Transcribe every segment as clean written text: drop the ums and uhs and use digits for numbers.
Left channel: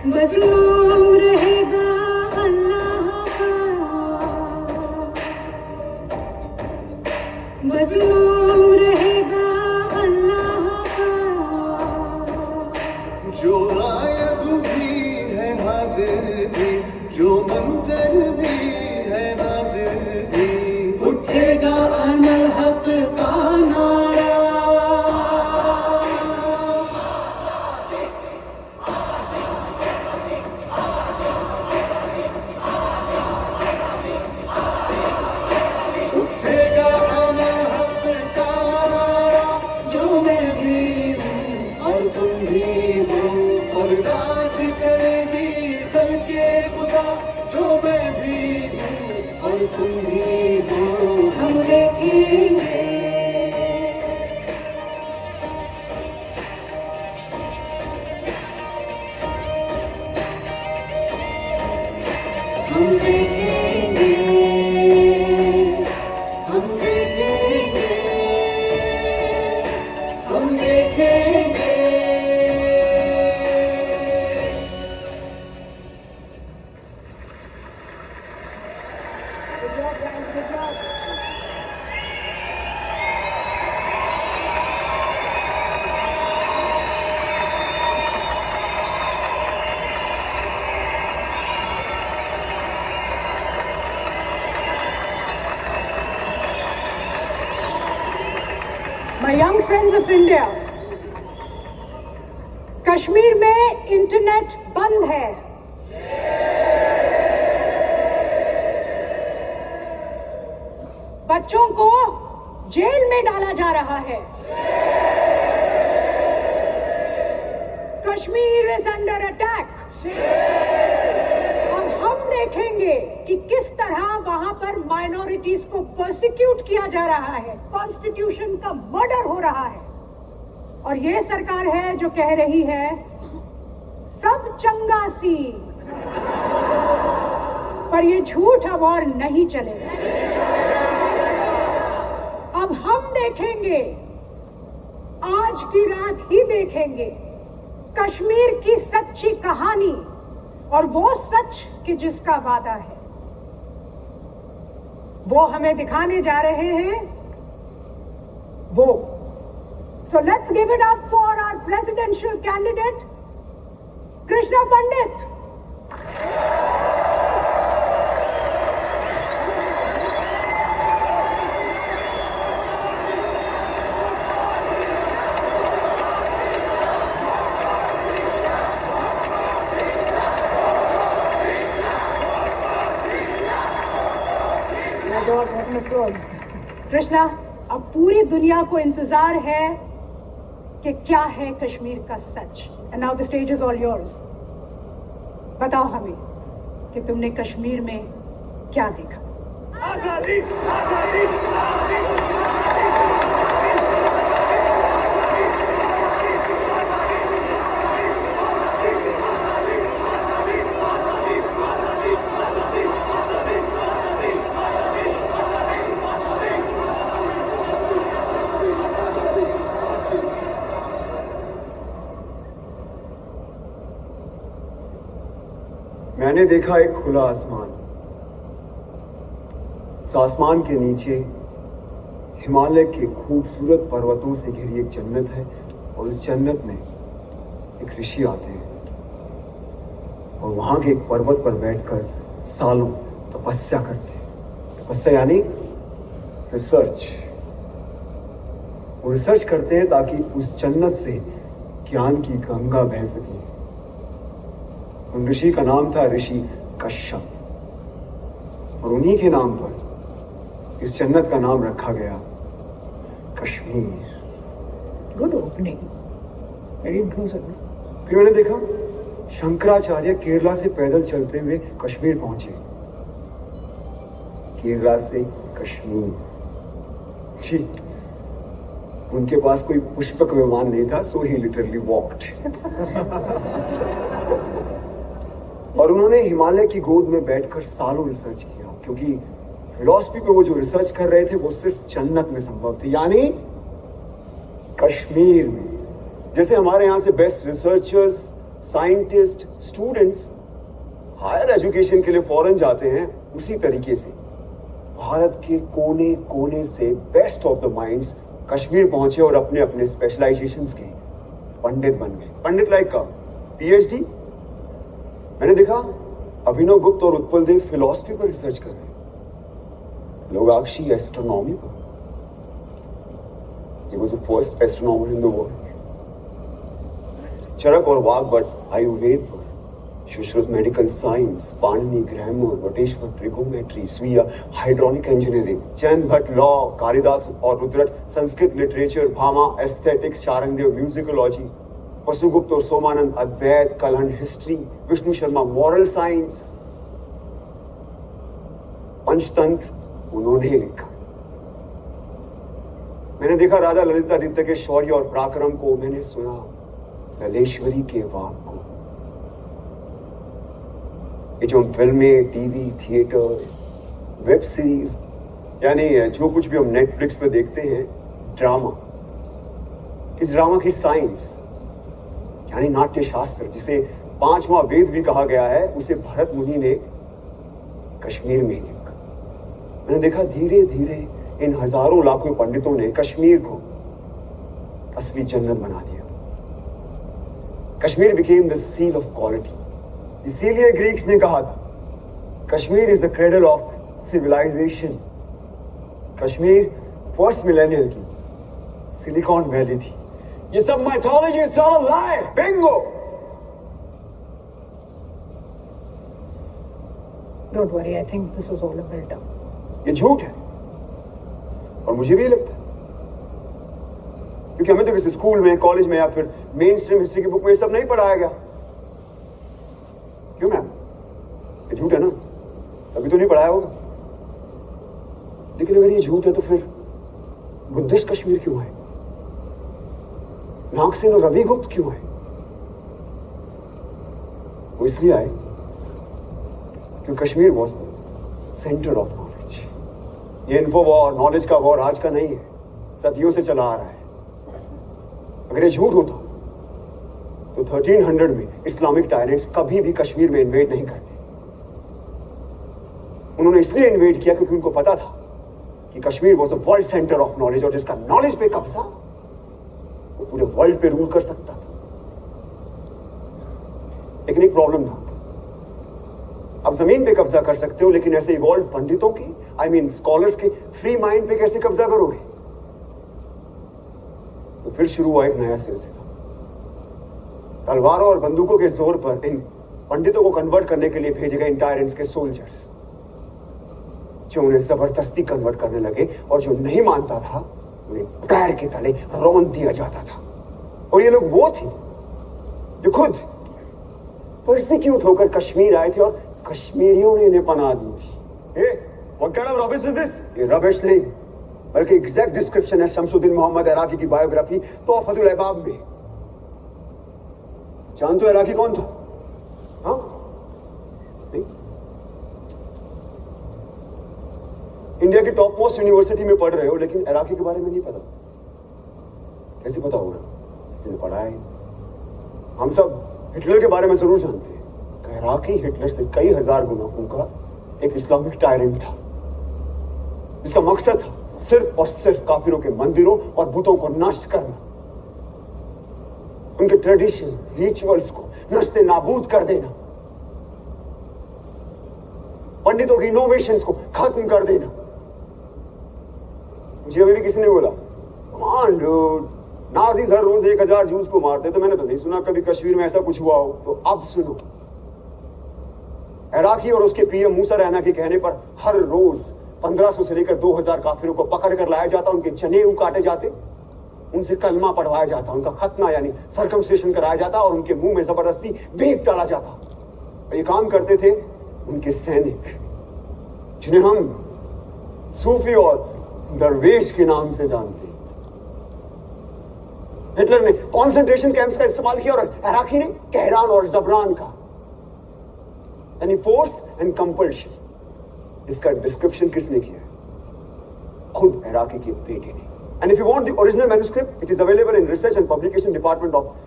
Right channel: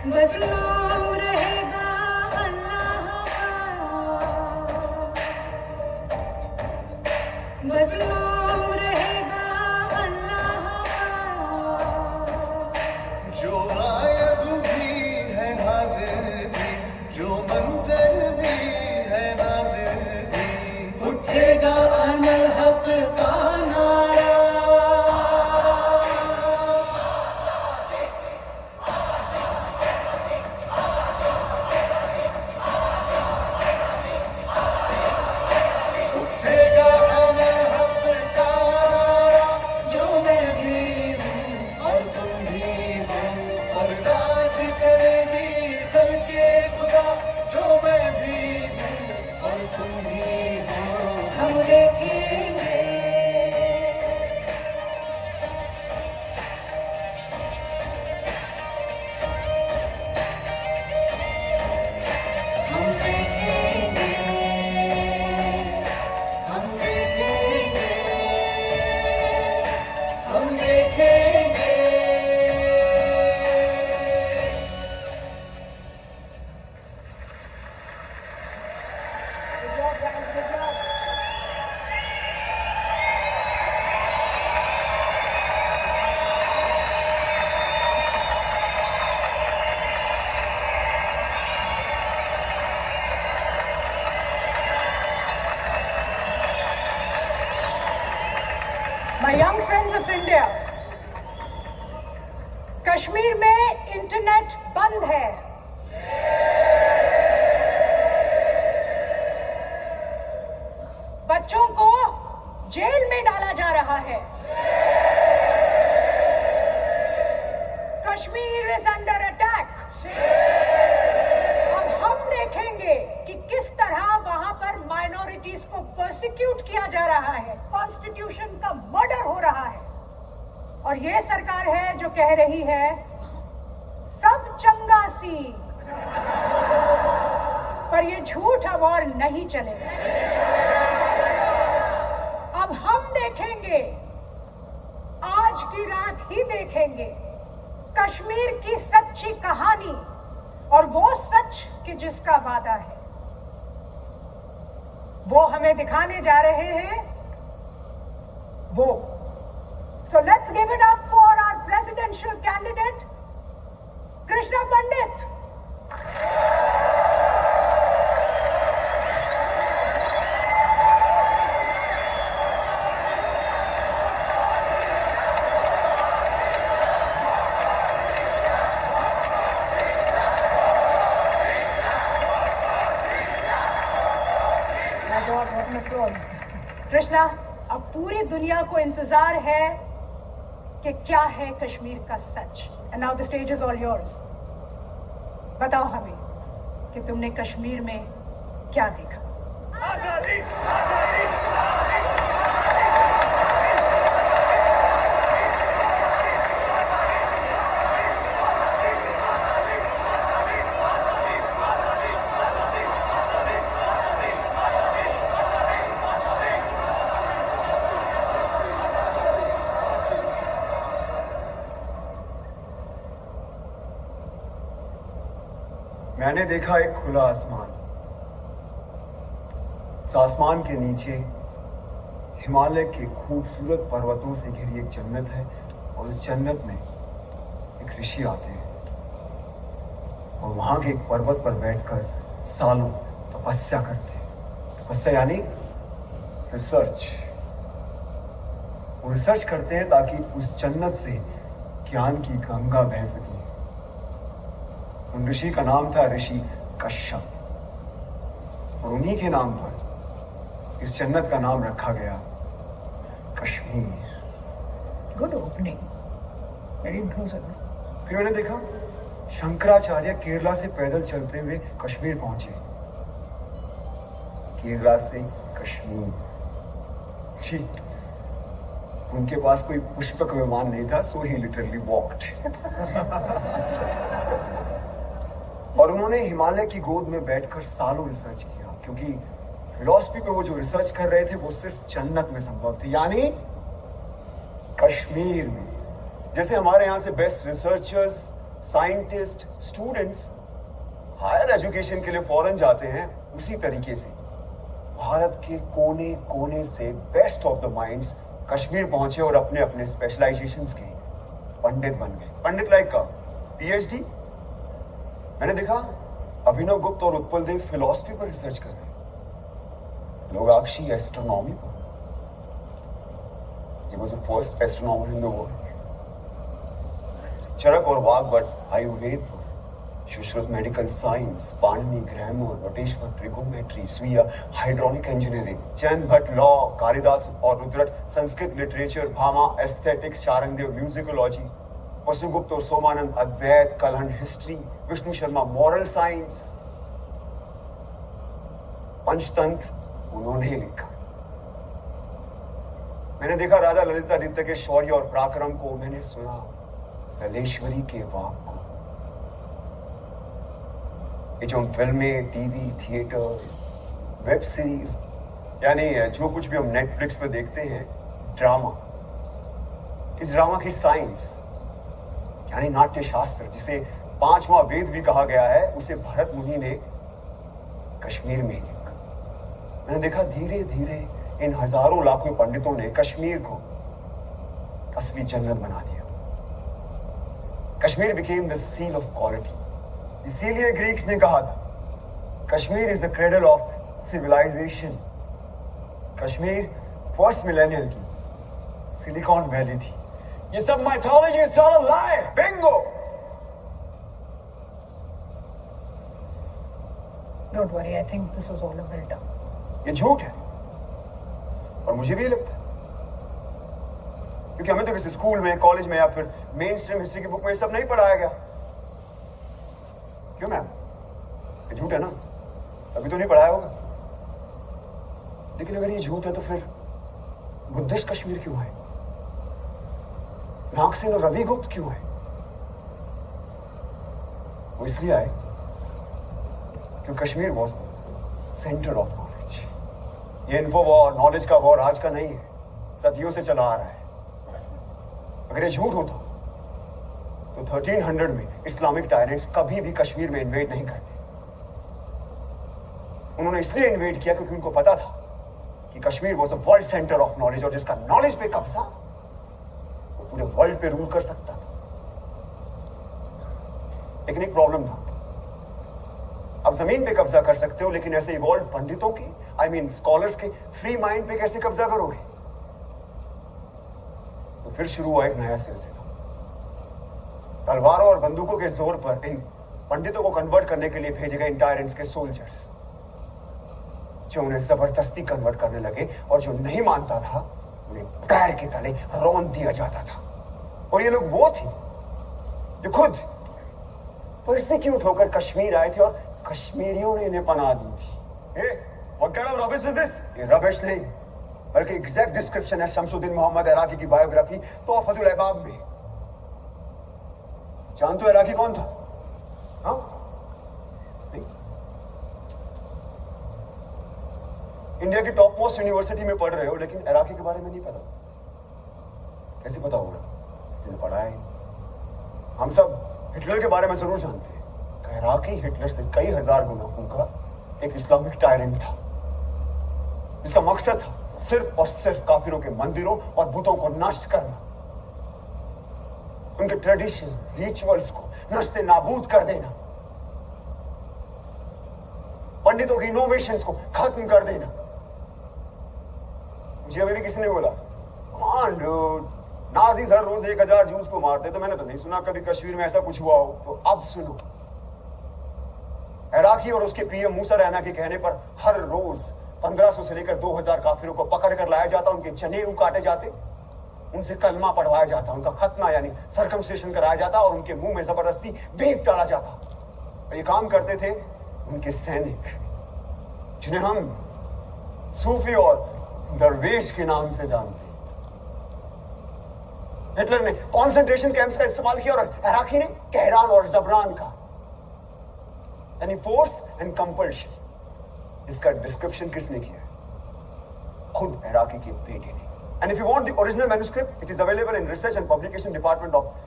मज़लूम रहेगा अल्लाह का, मज़लूम रहेगा अल्लाह का। जो गायब भी है हाजिर भी, जो मंजर भी है नाजिर भी, उठेगा अनल हक का नारा। उठेगा अनल हक का नारा, जो मैं भी हूँ और तुम भी हो, और राज करेगी खल्के खुदा। जो मैं भी हूँ और तुम भी हो, हम देखेंगे, हम देखेंगे, हम देखेंगे, हम देखेंगे। My young friends of India, Kashmir में इंटरनेट बंद है। बच्चों को जेल में डाला जा रहा है। Kashmir is under attack. अब हम देखेंगे कि किस तरह वहां पर माइनॉरिटीज को प्रोसिक्यूट किया जा रहा है, कॉन्स्टिट्यूशन का मर्डर हो रहा है। और ये सरकार है जो कह रही है सब चंगा सी, पर ये झूठ अब और नहीं चलेगा। अब हम देखेंगे, आज की रात ही देखेंगे कश्मीर की सच्ची कहानी, और वो सच कि जिसका वादा है वो हमें दिखाने जा रहे हैं वो। So let's give it up for our presidential candidate Krishna पंडित। कृष्णा, अब पूरी दुनिया को इंतजार है कि क्या है कश्मीर का सच। And now the stage is all yours. बताओ हमें कि तुमने कश्मीर में क्या देखा। आजादी, आजादी, मैंने देखा एक खुला आसमान। उस आसमान के नीचे हिमालय के खूबसूरत पर्वतों से घिरी एक जन्नत है, और उस जन्नत में एक ऋषि आते हैं और वहां के एक पर्वत पर बैठकर सालों तपस्या करते हैं। तपस्या यानी रिसर्च। वो रिसर्च करते हैं ताकि उस जन्नत से ज्ञान की गंगा बह सके। उन ऋषि का नाम था ऋषि कश्यप, और उन्हीं के नाम पर इस जन्नत का नाम रखा गया Kashmir. Good opening, very impressive. फिर मैंने देखा शंकराचार्य केरला से पैदल चलते हुए कश्मीर पहुंचे। केरला से कश्मीर जी। उनके पास कोई पुष्पक विमान नहीं था, सो ही लिटरली वॉक्ड। और उन्होंने हिमालय की गोद में बैठकर सालों रिसर्च किया, क्योंकि फिलॉसफी पे वो जो रिसर्च कर रहे थे वो सिर्फ जन्नत में संभव थे, यानी कश्मीर में। जैसे हमारे यहाँ से best researchers scientist, students higher education के लिए फॉरेन जाते हैं, उसी तरीके से भारत के कोने कोने से best of the minds Kashmir पहुंचे और अपने अपने स्पेशलाइजेशंस के पंडित बन गए। पंडित लाइक का पीएचडी। मैंने देखा अभिनव गुप्त और उत्पल देव फिलॉसफी पर रिसर्च कर रहे हैं, लोगाक्षी एस्ट्रोनॉमी पर। He was the first astronomer in the world. चरक और वाग्भट आयुर्वेद पर, Sushruta medical science, Panini grammar, Vateshwar trigonometry, स्वीया hydraulic engineering, Jain Bhatt law, Kalidas और Rudrata Sanskrit literature, Bhama aesthetics, Sharangdev musicology, Vasugupta और सोमानंद अद्वैत, कलहंड history, Vishnu Sharma moral science, Panchatantra उन्होंने लिखा। मैंने देखा राजा ललितादित्य के शौर्य और पराक्रम को, मैंने सुना ललेश्वरी के वाक को। ये जो फिल्में, टीवी, थिएटर, वेब सीरीज, यानी जो कुछ भी हम नेटफ्लिक्स पे देखते हैं, ड्रामा, इस ड्रामा की साइंस यानी नाट्य शास्त्र, जिसे 5वां वेद भी कहा गया है, उसे भरत मुनि ने कश्मीर में ही लिखा। मैंने देखा धीरे धीरे इन हजारों लाखों पंडितों ने कश्मीर को असली जन्नत बना दिया। Kashmir became the seal of quality. इसीलिए ग्रीक्स ने कहा था Kashmir is the cradle of civilisation. Kashmir first millennium की सिलिकॉन वैली थी। ये सब mythology, it's all a lie. Bingo. Don't worry, I think this is all a build-up. ये झूठ है और मुझे भी लगता है, क्योंकि हमें तो किसी स्कूल में, कॉलेज में या फिर मेन स्ट्रीम हिस्ट्री की बुक में सब नहीं पढ़ाया गया। क्यों मैम? ये झूठ है ना, तभी तो नहीं पढ़ाया होगा। लेकिन अगर ये झूठ है तो फिर बुद्धिस्ट कश्मीर क्यों आए? नागसेन और रवि गुप्त क्यों आए? वो इसलिए आए क्योंकि Kashmir was the centre of knowledge. ये इन्फो वॉर, नॉलेज का वॉर आज का नहीं है, सदियों से चला आ रहा है। अगर ये झूठ होता तो 1300 में इस्लामिक टायरेंट्स कभी भी कश्मीर में इन्वेड नहीं करते। उन्होंने इसलिए इन्वेड किया क्योंकि उनको पता था कि Kashmir was the world centre of knowledge, और जिसका नॉलेज पे कब्जा वो पूरे वर्ल्ड पे रूल कर सकता था। लेकिन एक प्रॉब्लम था, अब जमीन पे कब्जा कर सकते हो, लेकिन ऐसे इवॉल्व पंडितों की, आई मीन स्कॉलर्स के फ्री माइंड पे कैसे कब्जा करोगे? तो फिर शुरू हुआ एक नया सिलसिला। तलवारों और बंदूकों के जोर पर इन पंडितों को कन्वर्ट करने के लिए भेजे गए इन टायरेंट्स के सोल्जर्स, जो उन्हें जबरदस्ती कन्वर्ट करने लगे, और जो नहीं मानता था उन्हें पैर के तले रौंद दिया जाता था। और ये लोग वो थे जो खुद परसिक्यूट होकर कश्मीर आए थे और कश्मीरियों ने इन्हें पनाह दी थी। What kind of rubbish is this? ये रबिश नहीं, बल्कि एग्जैक्ट डिस्क्रिप्शन है शमसुद्दीन मोहम्मद इराकी की बायोग्राफी तोहफतुल अहबाब में। जानते हो इराकी कौन था? हाँ? नहीं? इंडिया की टॉप मोस्ट यूनिवर्सिटी में पढ़ रहे हो, लेकिन इराकी के बारे में नहीं पता। कैसे पता होगा? किसी ने पढ़ा है? हम सब हिटलर के बारे में जरूर जानते हैं। इराकी हिटलर से कई हजार गुना का एक इस्लामिक टायरेंट था, जिसका मकसद था सिर्फ और सिर्फ काफिरों के मंदिरों और बुतों को नष्ट करना, उनके ट्रेडिशन, रिचुअल्स को नष्टे नाबूद कर देना, पंडितों की इनोवेशंस को खत्म कर देना। मुझे अभी भी किसी ने बोला, मान लो नाजीज हर रोज 1000 जूस को मारते, तो मैंने तो नहीं सुना कभी कश्मीर में ऐसा कुछ हुआ हो। तो अब सुनो, इराकी और उसके पीएम मूसा रैना के कहने पर हर रोज 1500 से लेकर 2000 काफिरों को पकड़ कर लाया जाता, उनके जनेऊ काटे जाते, उनसे कलमा पढ़वाया जाता, उनका खतना यानी सर्कमस्टेशन कराया जाता, और उनके मुंह में जबरदस्ती बीफ डाला जाता। और ये काम करते थे उनके सैनिक, जिन्हें हम सूफी और दरवेश के नाम से जानते हैं। हिटलर ने कॉन्सेंट्रेशन कैंप्स का इस्तेमाल किया और इराकी ने कहरान और जबरान का, यानी फोर्स एंड कंपल्शन। इसका डिस्क्रिप्शन किसने किया? खुद इराकी के बेटे ने। And if you want the original manuscript, it is available in research and publication department of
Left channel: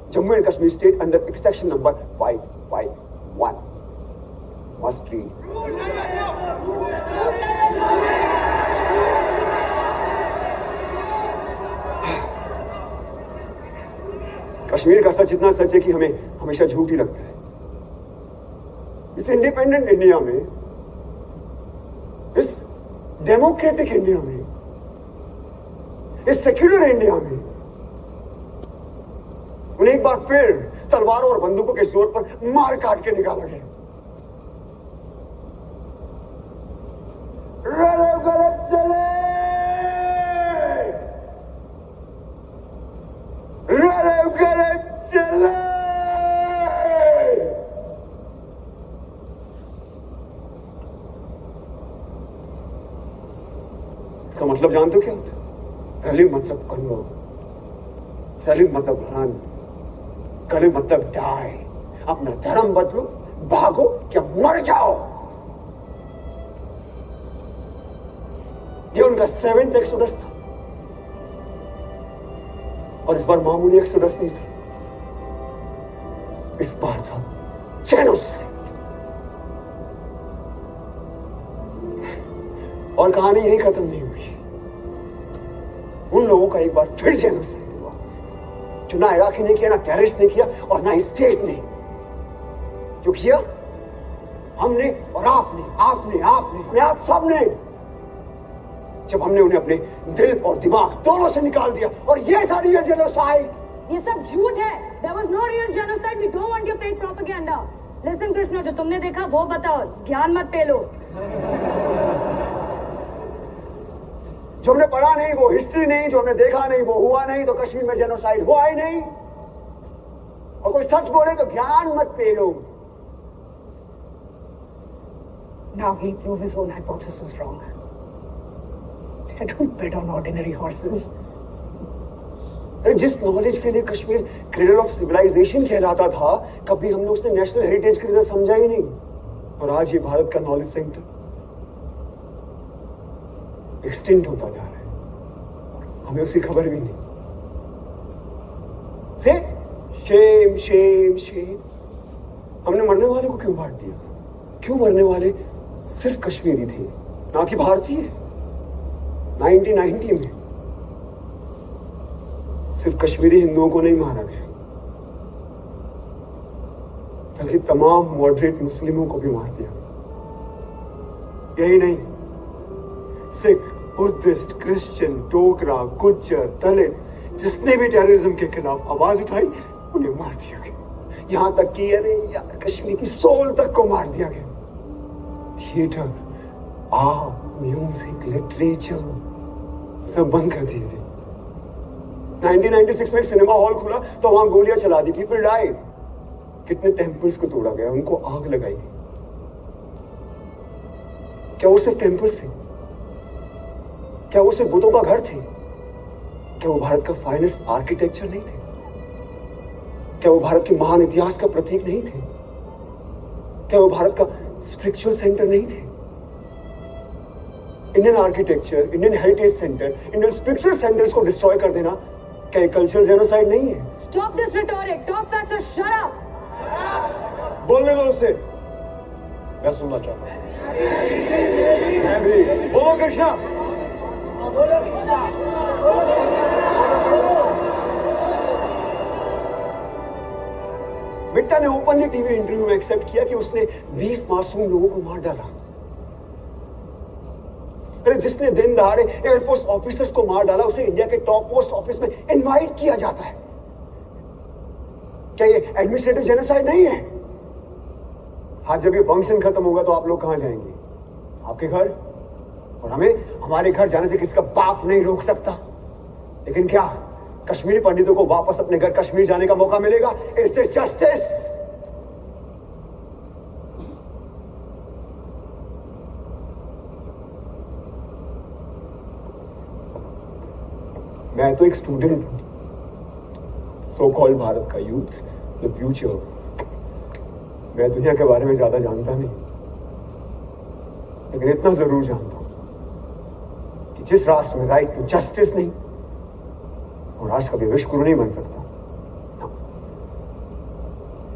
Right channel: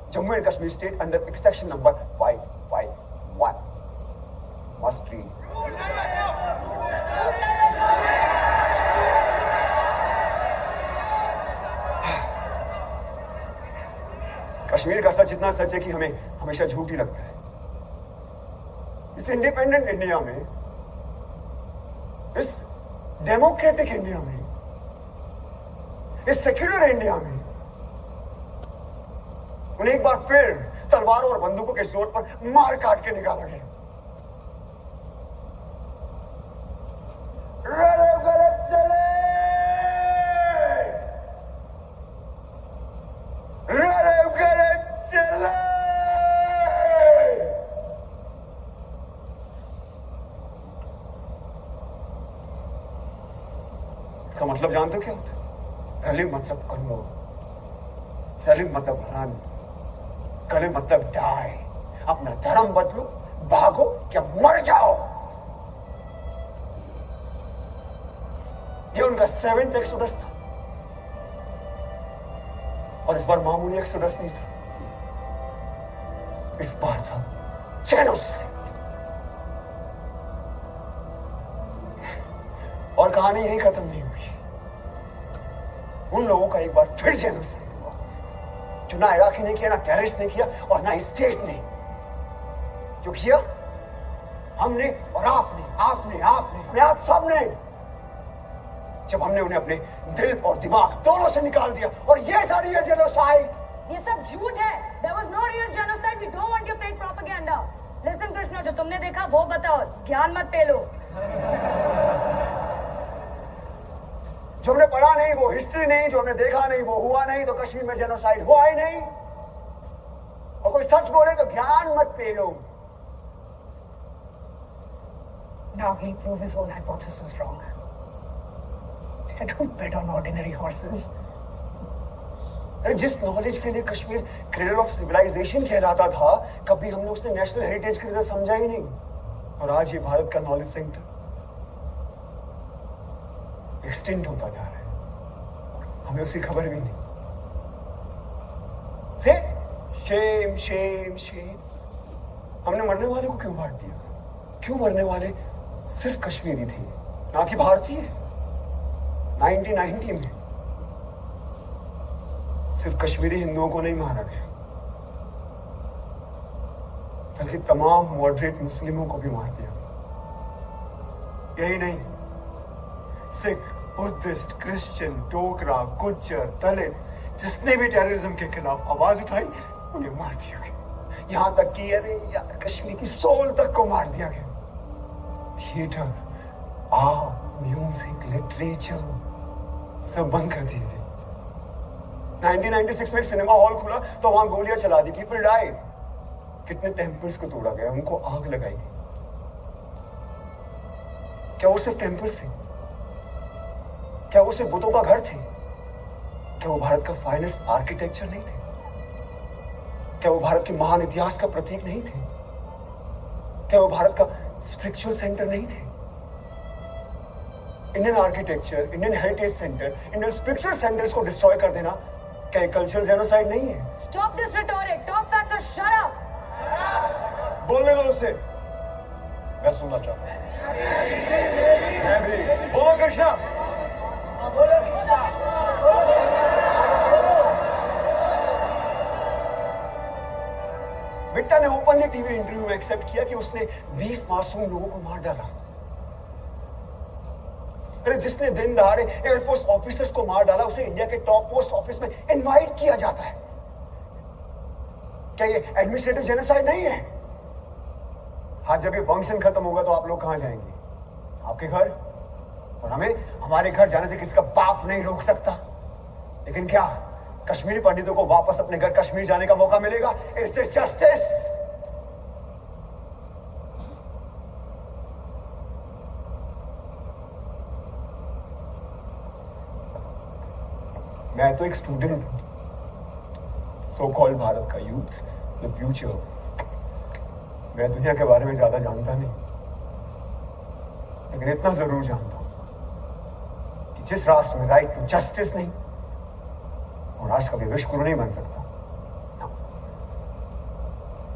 Jammu and Kashmir state under extraction number 551. Must read. Kashmir का सच इतना सच है कि हमें हमेशा झूठ ही लगता है। इस इंडिपेंडेंट इंडिया में, इस डेमोक्रेटिक इंडिया में, इस सेक्युलर इंडिया में उन्हें एक बार फिर तलवारों और बंदूकों के जोर पर मार काट के निकाला गया। गलत चले, गलत चले। इसका मतलब जानते हो क्या होता है? रली मतलब कन्वर्ट, सलीम मतलब रन, कली मतलब डाई। अपना धर्म बदलो, भागो क्या मर जाओ। ये उनका 7th एक्सोडस था और इस बार मामूली एक्सोडस नहीं था, इस बार था जेनोसाइड। और कहानी यही खत्म नहीं हुई। उन लोगों का एक बार फिर जेनोसाइड हुआ, जो ना इराकी ने किया, ना टेररिस्ट ने किया और ना स्टेट ने। जो किया हमने और आपने आप सबने, जब हमने उन्हें अपने दिल और दिमाग दोनों से निकाल दिया। और ये था रियल जेनोसाइड। ये सब झूठ है। There was no real genocide. We don't want your fake propaganda. Listen Krishna, जो तुमने देखा वो बताओ, ज्ञान मत पेलो। जो हमने पढ़ा नहीं वो हिस्ट्री नहीं, जो हमने देखा नहीं वो हुआ नहीं, तो कश्मीर में जेनोसाइड हुआ ही नहीं। और कोई सच बोले तो ज्ञान मत पेलो। Now he'll prove his own hypothesis wrong. I don't bet on ordinary horses. जिस नॉलेज के लिए कश्मीर क्रेडल ऑफ सिविलाइजेशन कहलाता था, कभी हमने उसने नेशनल हेरिटेज की तरह समझा ही नहीं। और आज ये भारत का नॉलेज सेंटर एक्सटेंड होता जा रहा है, हमें उसकी खबर भी नहीं। से शेम शेम शेम। हमने मरने वाले को क्यों बांट दिया? क्यों मरने वाले सिर्फ कश्मीरी थे, ना कि भारतीय? 1990 में सिर्फ कश्मीरी हिंदुओं को नहीं मारा गया, बल्कि तमाम मॉडरेट मुस्लिमों को भी मार दिया। यही नहीं, सिख, बुद्धिस्ट, क्रिश्चियन, डोगरा, गुज्जर, दलित, जिसने भी टेररिज्म के खिलाफ आवाज उठाई उन्हें मार दिया गया। यहां तक कि अरे यार कश्मीर की सोल तक को मार दिया गया। थिएटर, आर्ट, म्यूजिक, लिटरेचर सब बंद कर दिए गए। 1996 में सिनेमा हॉल खुला तो वहां गोलियां चला दी, पीपल डाइड। कितने टेम्पल्स को तोड़ा गया, उनको आग लगाई गई। क्या वो सिर्फ टेम्पल्स थे? क्या वो सिर्फ बुतों का घर थे? क्या वो भारत का फाइनेस्ट आर्किटेक्चर नहीं थे? क्या वो भारत के महान इतिहास का प्रतीक नहीं थे? क्या वो भारत का स्पिरिचुअल सेंटर नहीं थे? Indian architecture, Indian heritage centre, Indian spiritual centres को डिस्ट्रॉय कर देना क्या एक कल्चरल जेनोसाइड नहीं है? Stop this rhetoric. Talk facts or shut up. बोलने दो उसे, मैं सुनना चाहता हूं। मैं भी। बोलो कृष्णा। बोलो कृष्णा। बिट्टा ने ओपनली टीवी इंटरव्यू में एक्सेप्ट किया कि उसने 20 मासूम लोगों को मार डाला। अरे जिसने दिन दहाड़े एयरफोर्स ऑफिसर्स को मार डाला, उसे इंडिया के टॉप पोस्ट ऑफिस में इनवाइट किया जाता है। क्या ये एडमिनिस्ट्रेटिव जेनोसाइड नहीं है? हाँ, जब ये फंक्शन खत्म होगा तो आप लोग कहां जाएंगे? आपके घर। और हमें हमारे घर जाने से किसका बाप नहीं रोक सकता। लेकिन क्या कश्मीरी पंडितों को वापस अपने घर कश्मीर जाने का मौका मिलेगा? Is this justice? मैं तो एक स्टूडेंट हूं, सो कॉल्ड भारत का यूथ, द फ्यूचर। मैं दुनिया के बारे में ज्यादा जानता नहीं, लेकिन इतना जरूर जानता हूं कि जिस राष्ट्र में राइट टू जस्टिस नहीं, वो राष्ट्र कभी विश्व गुरु नहीं बन सकता।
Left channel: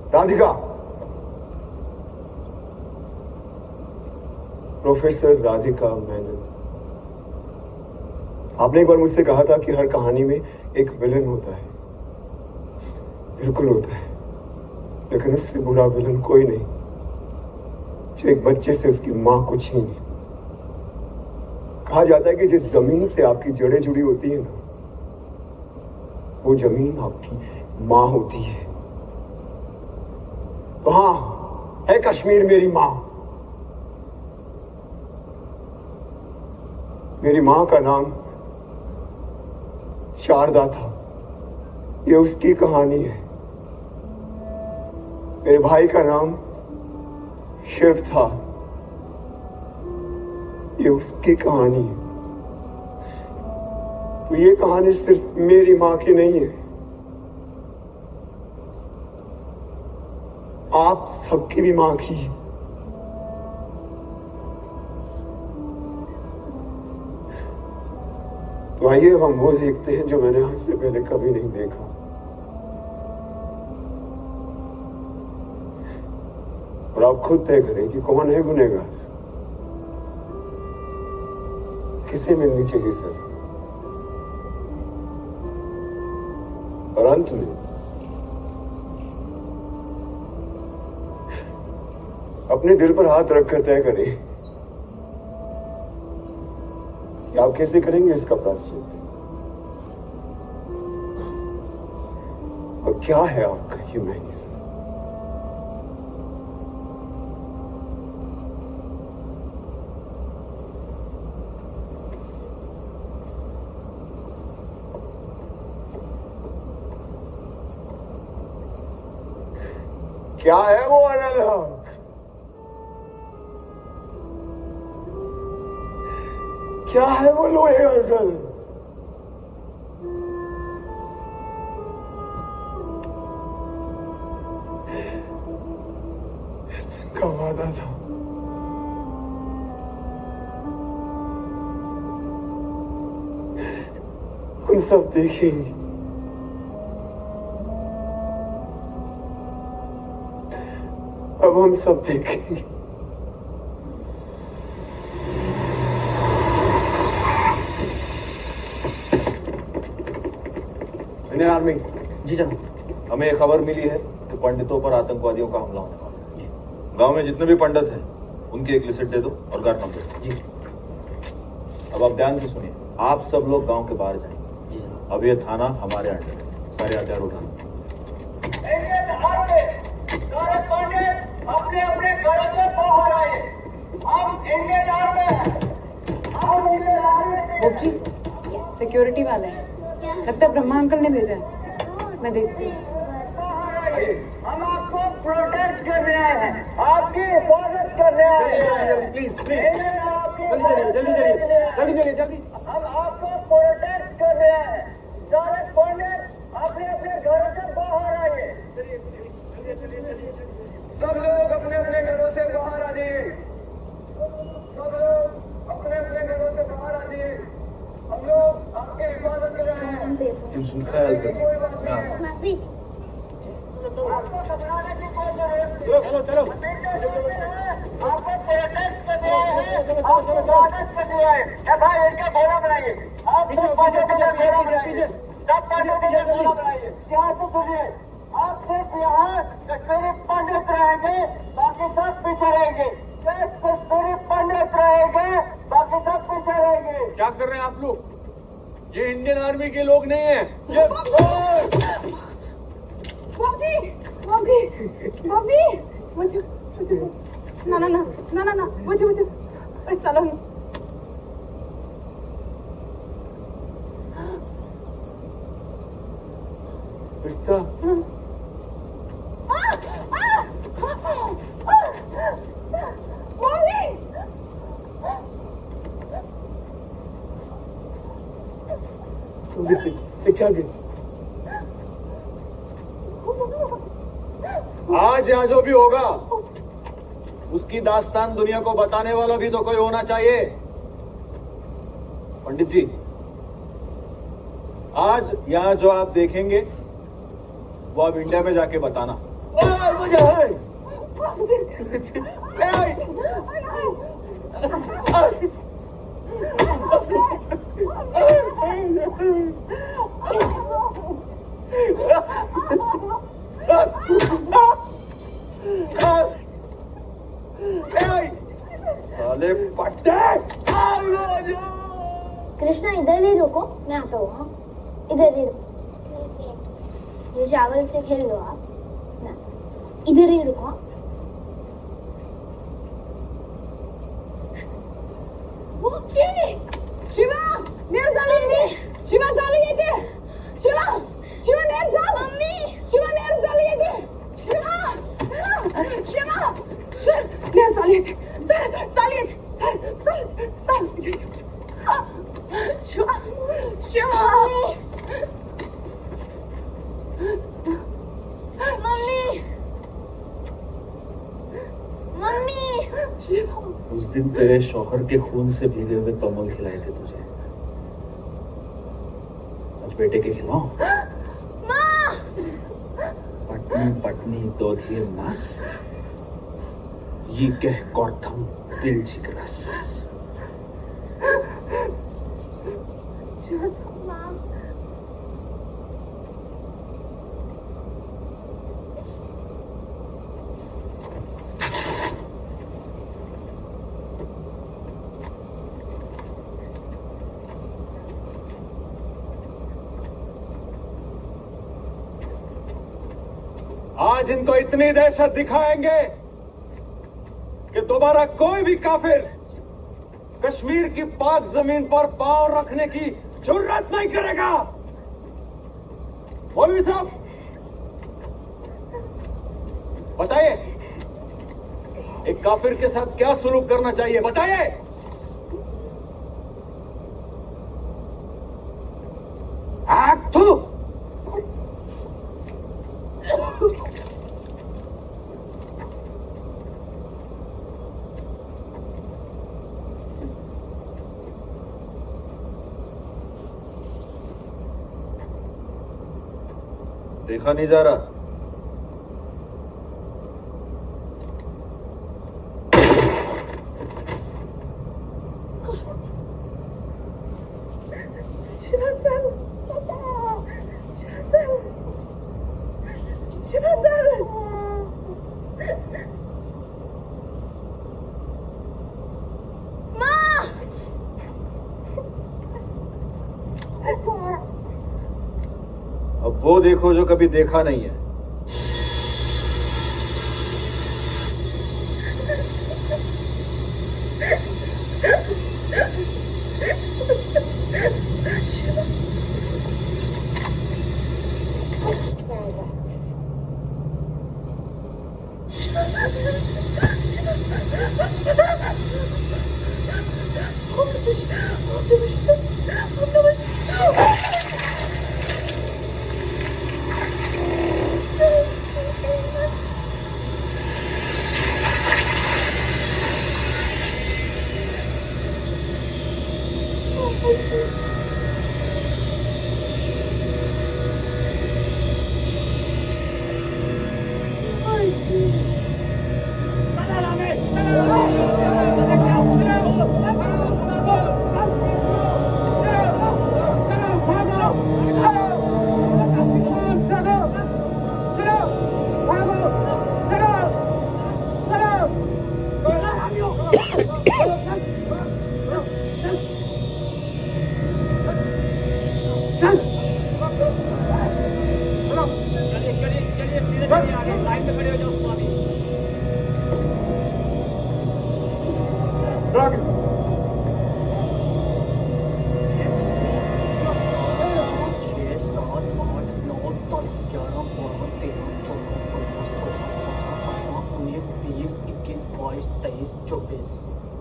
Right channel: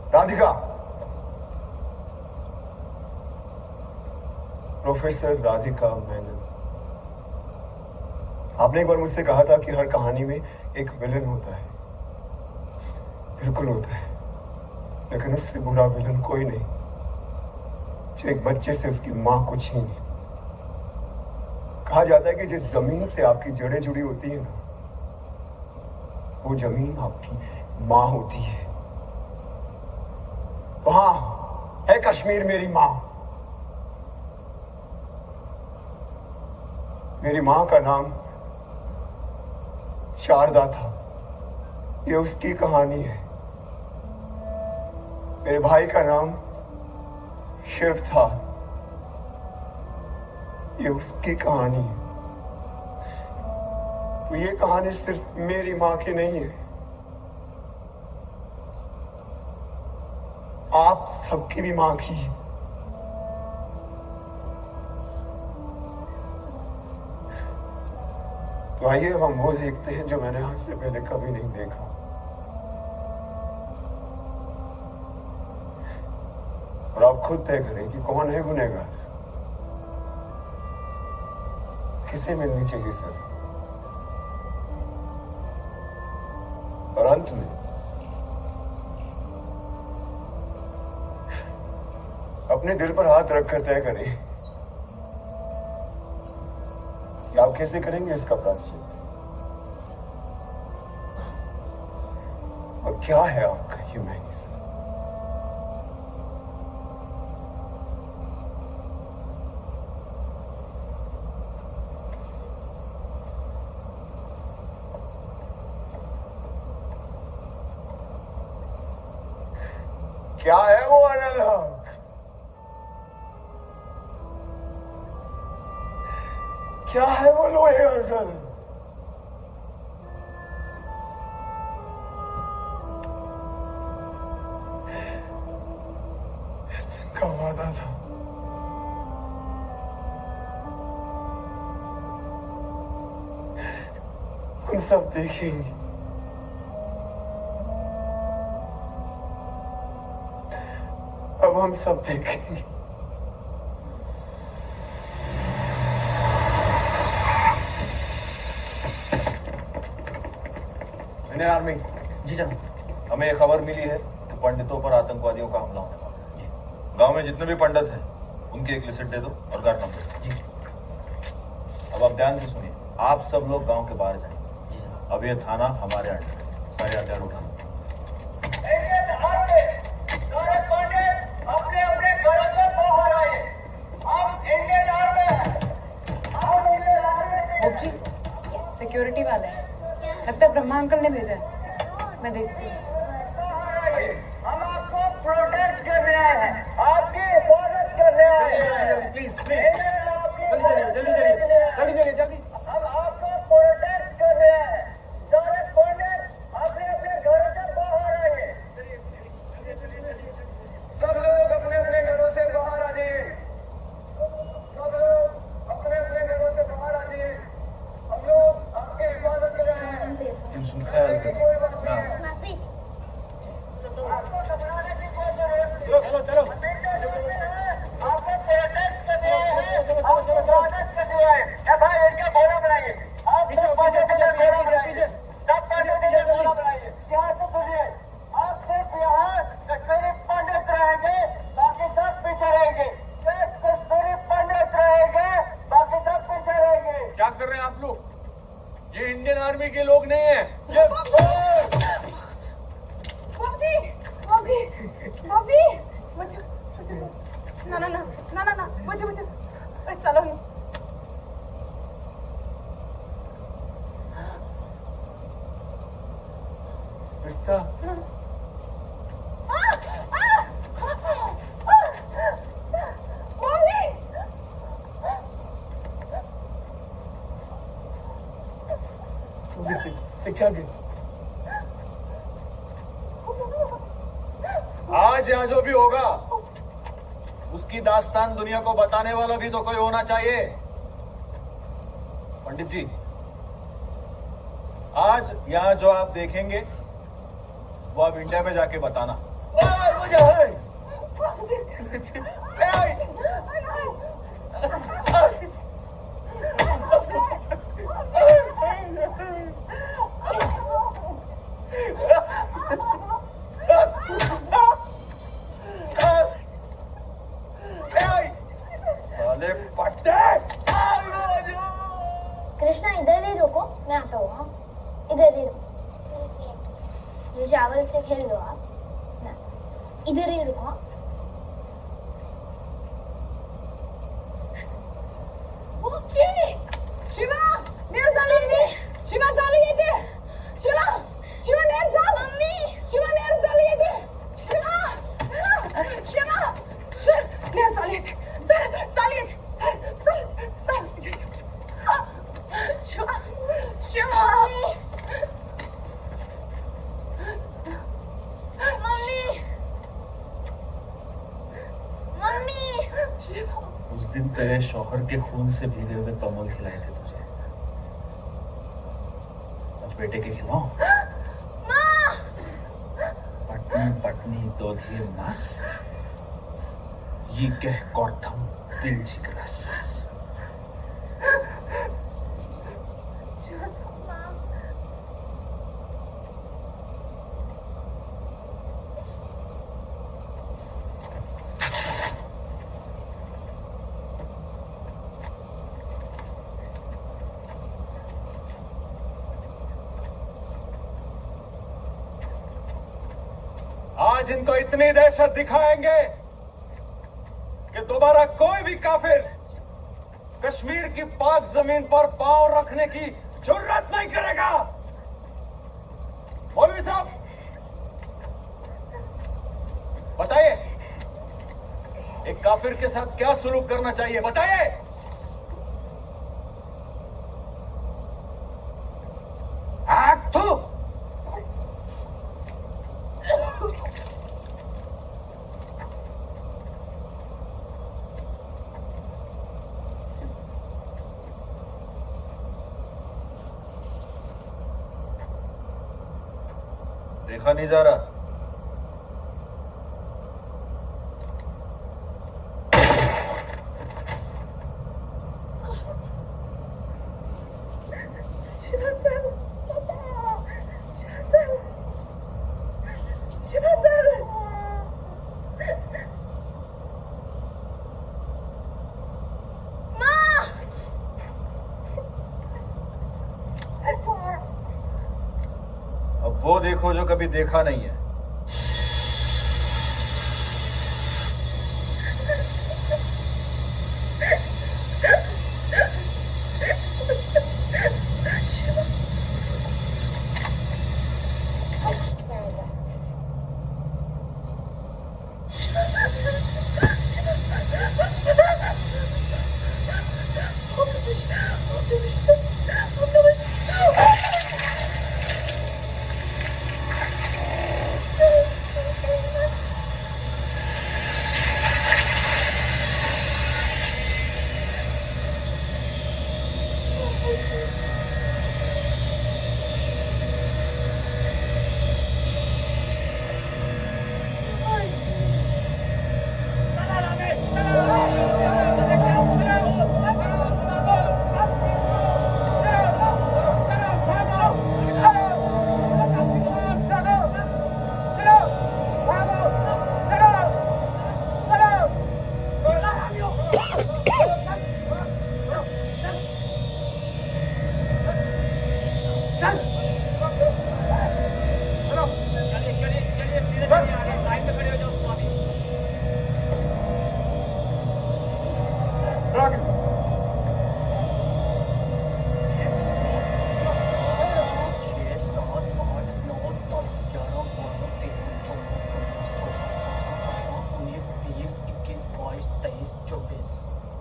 राधिका, प्रोफेसर राधिका मेनन, आपने एक बार मुझसे कहा था कि हर कहानी में एक विलन होता है। बिल्कुल होता है, लेकिन उससे बुरा विलन कोई नहीं जो एक बच्चे से उसकी मां को छीने। कहा जाता है कि जिस जमीन से आपकी जड़ें जुड़ी होती है ना, वो जमीन आपकी मां होती है। तो हाँ, है कश्मीर मेरी मां। मेरी मां का नाम शारदा था, ये उसकी कहानी है। मेरे भाई का नाम शिव था, ये उसकी कहानी है। तो ये कहानी सिर्फ मेरी मां की नहीं है, आप सबकी भी मां की है। तो आइए अब हम वो देखते हैं जो मैंने आज से पहले कभी नहीं देखा। और आप खुद तय करें कि कौन है गुनहगार, किसे मिलनी चाहिए सजा। और अंत में अपने दिल पर हाथ रखकर तय करें कि आप कैसे करेंगे इसका प्रायश्चित, और क्या है आपका ह्यूमैनिज्म। क्या है वो अनल हक? क्या है वो लोहे अजल? इस दिन का वादा था, हम सब देखेंगे। अब हम सब देखेंगे। इंडियन आर्मी, जी जनाब। हमें एक खबर मिली है कि पंडितों पर आतंकवादियों का हमला होने वाला है। गांव में जितने भी पंडित हैं, उनकी एक लिस्ट दे दो और गार्ड नंबर। जी। अब आप ध्यान से सुनिए, आप सब लोग गांव के बाहर जाएं। जी जनाब। अब ये थाना हमारे अंडर है, सारे हथियार उठाना। सारे पंडित अपने अपने घरों से बाहर आए। हम इंडियन आर्मी जी, सिक्योरिटी वाले हैं, लगता है ब्रह्मा अंकल ने भेजा है। मैं देखती हूँ। हम आपको प्रोटेक्ट करने आए हैं, आपकी हिफाजत करने आए हैं। प्लीज जल्दी। हम आपको प्रोटेक्ट करने आए हैं। सारे पंडित अपने अपने घरों से बाहर आइए। सब लोग अपने अपने घरों से बाहर आ जाइए। सब लोग अपने अपने घरों से बाहर आ जाइए। हम लोग आपकी हिफाजत के लिए आए हैं। तुम सुन ख्याल कर। आपको घबराने की कोई जरूरत नहीं। चलो। आपको प्रोटेक्ट करने आए हैं, आपको हिफाजत करने आए हैं। भाई इनका घोड़ा बनाइए। आप सब पंडित का घोड़ा बनाइए। सब पंडित का घोड़ा बनाइए। ध्यान से सुनिए, आप सिर्फ यहाँ कश्मीरी पंडित रहेंगे, बाकी सब पीछे रहेंगे। सिर्फ कश्मीरी पंडित रहेंगे, बाकी सब पीछे रहेंगे। क्या कर रहे हैं आप लोग? ये इंडियन आर्मी के लोग नहीं है। ये ना मुझे चलो। बेटा, क्या आज यहाँ जो भी होगा, उसकी दास्तान दुनिया को बताने वाला भी तो कोई होना चाहिए। पंडित जी, आज यहाँ जो आप देखेंगे वो आप इंडिया में जाके बताना। साले पट्टे। कृष्णा इधर ही रुको, मैं आता हूँ। हाँ इधर ही रुको, ये चावल से खेल लो आप। मैं आता हूँ। इधर ही रुको। हाँ शिवा नीर झाली, शिवा झाली येते, शिवा शिवा नीर झाली, मम्मी शिवा नीर झाली येते, शिवा शिवा नीर झाली येते, चल चाल येते, चल चल चल शिवा शिवा मम्मी मम्मी। उस दिन तेरे शौहर के खून से भीगे हुए तोमल खिलाए थे तुझे, आज बेटे के खिलाओ। माँ पत्नी पत्नी दोधिये मास, ये कह कौर्थम दिल जिगरस। माँ आज इनको इतनी दहशत दिखाएंगे कि दोबारा कोई भी काफिर कश्मीर की पाक जमीन पर पांव रखने की जुर्रत नहीं करेगा। मौलवी साहब बताइए, एक काफिर के साथ क्या सलूक करना चाहिए, बताइए। थू। देखा नहीं जा रहा। अब वो देखो जो कभी देखा नहीं है। उन्नीस, 20, 21, 22, 23, 24